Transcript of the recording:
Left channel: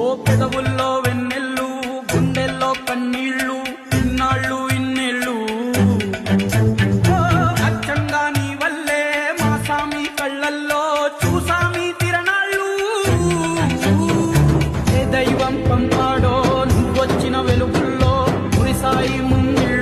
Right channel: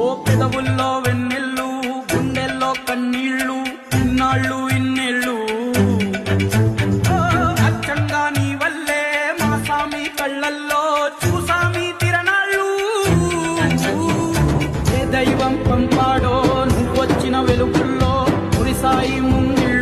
ఓ పెదవుల్లో వెన్నెల్లు గుండెల్లో కన్నీళ్ళు ఇన్నాళ్ళు ఇన్నేళ్ళు అచ్చంగా నీ వల్లే మా సామి కళ్ళల్లో చూసామి తిరణాళ్ళు ఏ దైవం పంపాడో నువ్వొచ్చిన వెలుగుల్లో మురిసాయి ముంగిళ్ళు